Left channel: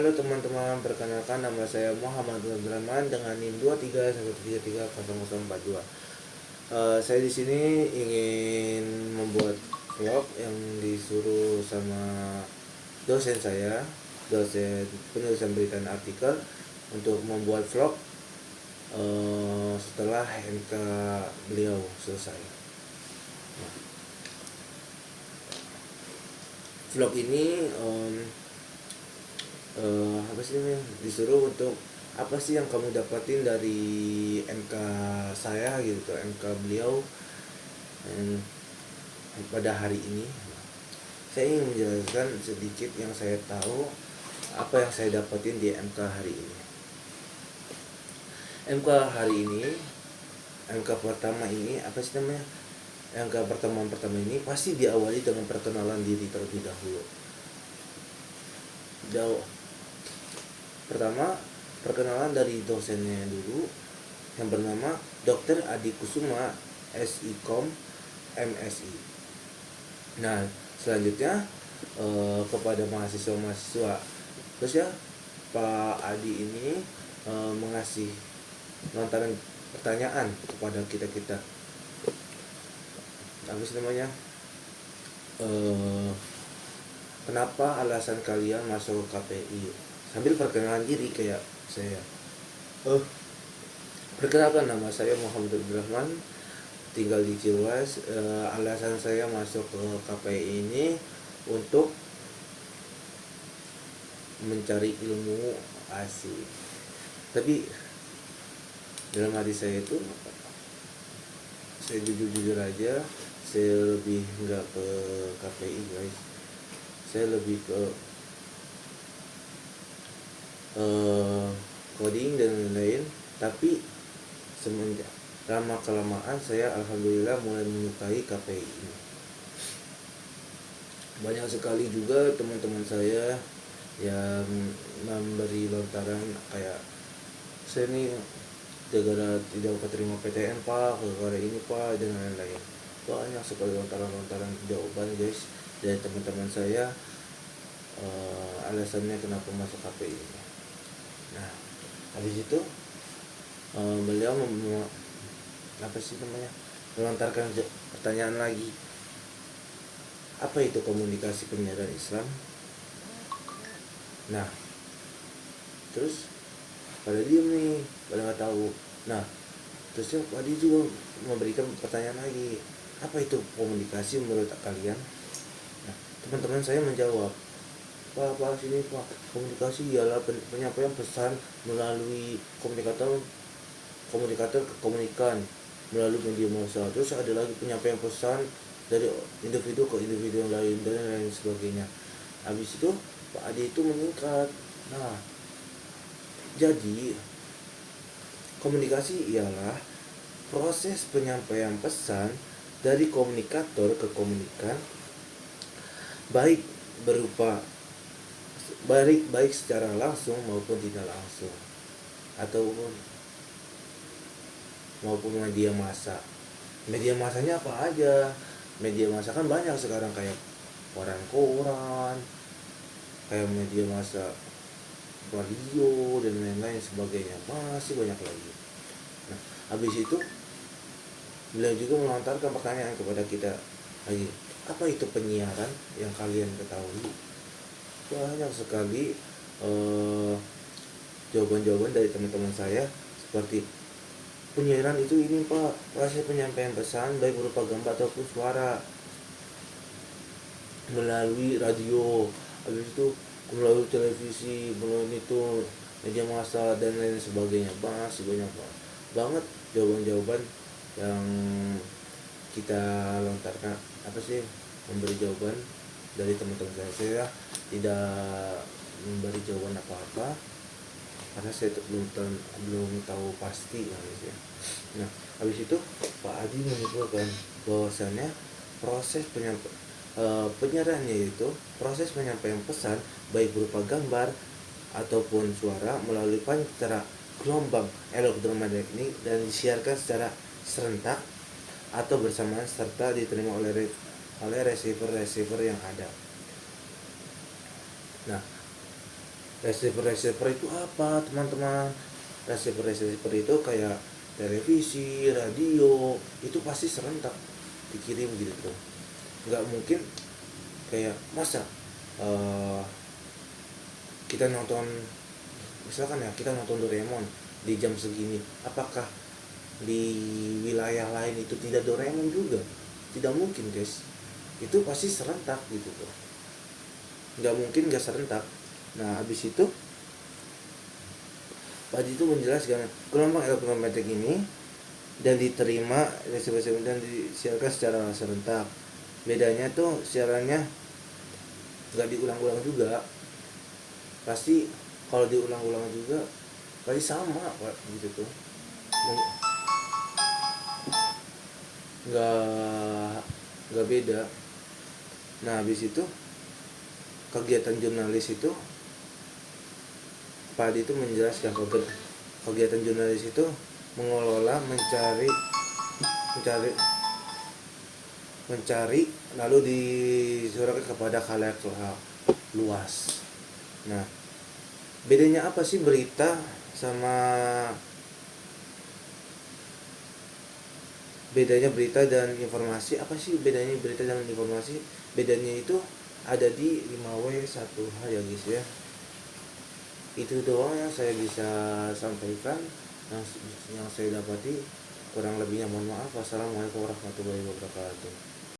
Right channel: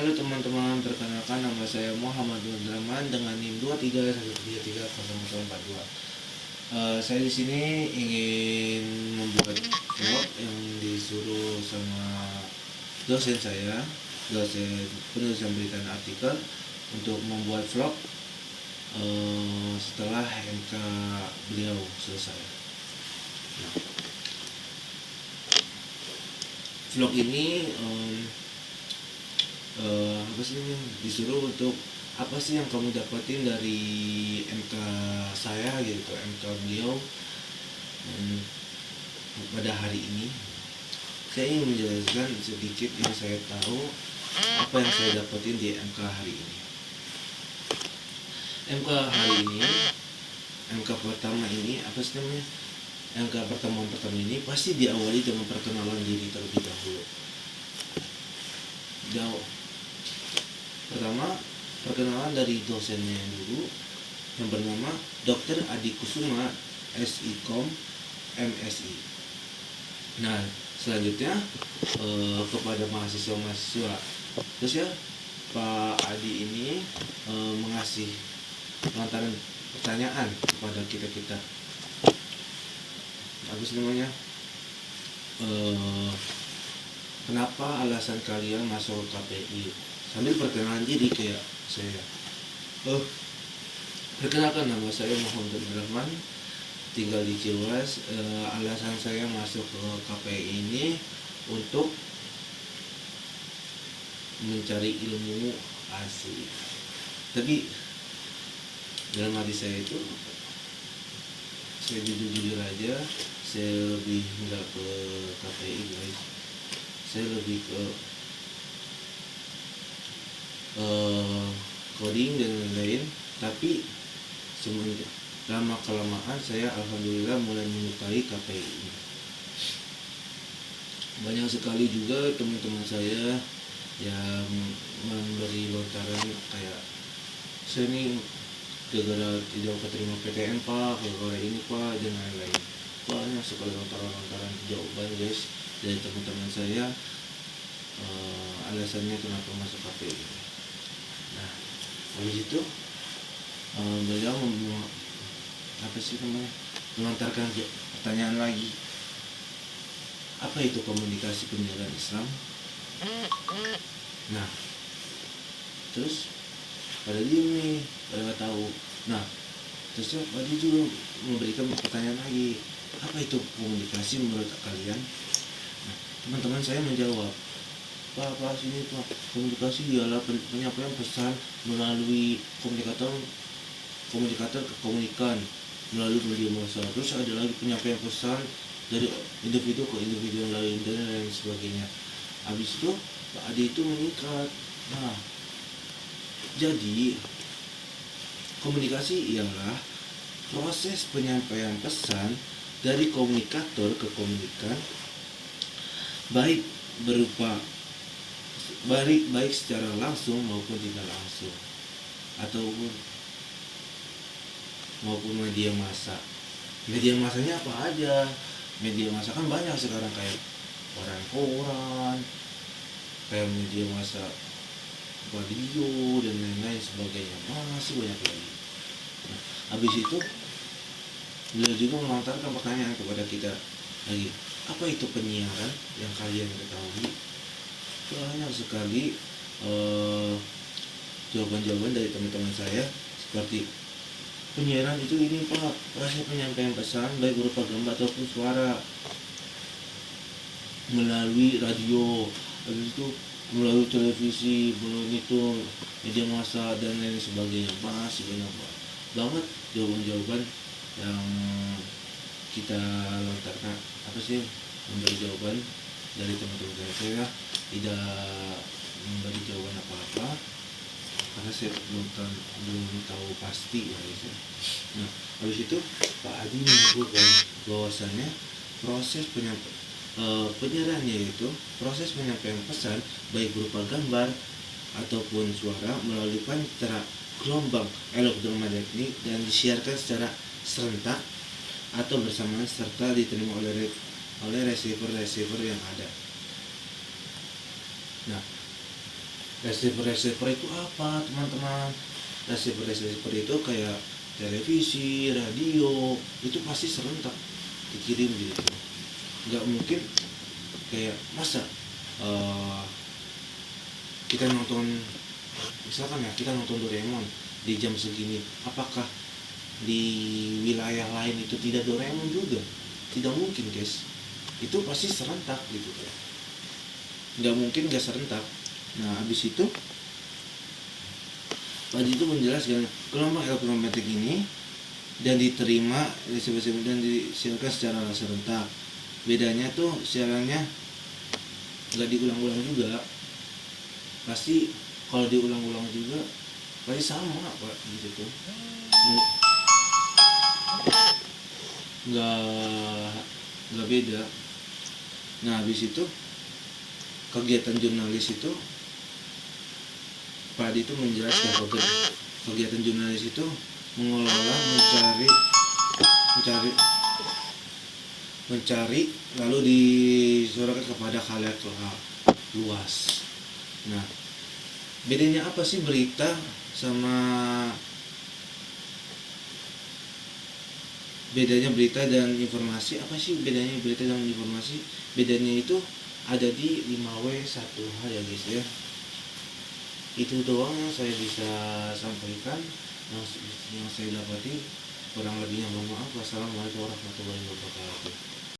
Halo teman-teman, perkenalkan nama saya Muhammad Abdurrahman dengan NIM 23133042. Saya di sini ingin membuat vlog yang disuruh sama dosen saya, dosen penulisan berita dan artikel, untuk membuat vlog setelah MK beliau selesai. Vlog ini disuruh untuk apa sih yang kamu dapatin dari MK saya gitu, MK beliau pada hari ini. Saya ingin menjelaskan sedikit yang saya tahu, apa yang saya dapatin di MK hari ini. MK hari ini, MK pertama ini apa sih namanya? MK pertama ini pasti diawali dengan perkenalan diri terlebih dahulu. Pertama, perkenalan dari dosennya dulu yang bernama Dr. Adi Kusuma, SIKOM, MSI. Nah, selanjutnya kepada mahasiswa-mahasiswa. Terus ya, Pak Adi ini mengasih lantaran pertanyaan kepada kita-kita. Apa sih namanya? Kenapa alasan kalian masuk ke KPI? Sambil perkenalan diri kayak saya. Perkenalkan, nama saya Muhammad Abdurrahman, tinggal di Ciruas. Alasan saya masuk ke KPI ini untuk mencari ilmu asli. Tapi dalam hati saya itu, saya jujur aja, saya lebih nggak ke KPI guys. Saya lebih ke coding dan lain-lain. Tapi semenjak lama kelamaan saya alhamdulillah mulai menyukai KPI ini. Banyak sekali juga teman-teman saya yang memberi lontaran kayak, saya ini gara-gara tidak keterima PTN pak, gara-gara ini pak, dan lain-lain. Banyak sekali lontaran-lontaran jawaban guys dari teman-teman saya, alasannya kenapa masuk KPI ini. Nah, habis itu beliau melontarkan pertanyaan lagi, apa itu komunikasi penyiaran Islam. Nah, terus pada diem nih, pada nggak tahu. Nah, terusnya Pak Adi juga memberikan pertanyaan lagi, apa itu komunikasi menurut kalian. Nah, teman-teman saya menjawab, Pak, sini Pak, komunikasi ialah penyampaian pesan melalui komunikator ke komunikan melalui media massa. Terus ada lagi penyampaian pesan dari individu ke individu yang lain dan lain sebagainya. Habis itu Pak Adi itu meningkat. Nah, jadi komunikasi ialah proses penyampaian pesan dari komunikator ke komunikan, baik secara langsung maupun tidak langsung, maupun media massa. Media massanya apa aja? Media massa kan banyak sekarang, kayak koran, kayak media massa radio dan lain-lain sebagainya, masih banyak lagi. Nah, habis itu beliau juga melontarkan pertanyaan kepada kita lagi, apa itu penyiaran yang kalian ketahui. Banyak sekali jawaban-jawaban dari teman-teman saya, seperti penyiaran itu ini pak, proses penyampaian pesan baik berupa gambar ataupun suara melalui radio, habis itu melalui televisi, melalui itu media massa dan lain sebagainya. Masih banyak banget jawaban-jawaban yang kita lontarkan, memberi jawaban dari teman-teman saya. Tidak memberi jawaban apa-apa karena saya belum tahu pasti guys ya. Nah, habis itu Pak Adi menyebutkan bahwasannya proses penyiaran, yaitu proses penyampaian pesan baik berupa gambar ataupun suara melalui pancara gelombang elektromagnetik dan disiarkan secara serentak atau bersamaan serta diterima oleh receiver yang ada. Nah, Receiver itu apa teman-teman? Receiver itu kayak televisi, radio, itu pasti serentak dikirim gitu. Nggak mungkin kayak masa eh, kita nonton, misalkan ya kita nonton Doraemon di jam segini, apakah di wilayah lain itu tidak Doraemon juga? Tidak mungkin guys, itu pasti serentak gitu kan, nggak mungkin nggak serentak. Nah habis itu Pak itu menjelaskan gelombang elektromagnetik ini dan diterima dan disiarkan secara serentak. Bedanya tuh siarannya nggak diulang-ulang juga, pasti kalau diulang-ulang juga pasti sama Pak gitu tuh, nggak nggak beda. Nah habis itu kegiatan jurnalis itu Pak itu menjelaskan kegiatan jurnalis itu mengelola, mencari mencari lalu disuarakan kepada khalayak luas. Nah bedanya apa sih berita sama bedanya berita dan informasi? Apa sih bedanya berita dan informasi? Bedanya itu ada di 5W1H ya guys ya. Itu doang yang saya bisa sampaikan, yang saya dapati. Kurang lebihnya mohon maaf. Wassalamualaikum warahmatullahi wabarakatuh.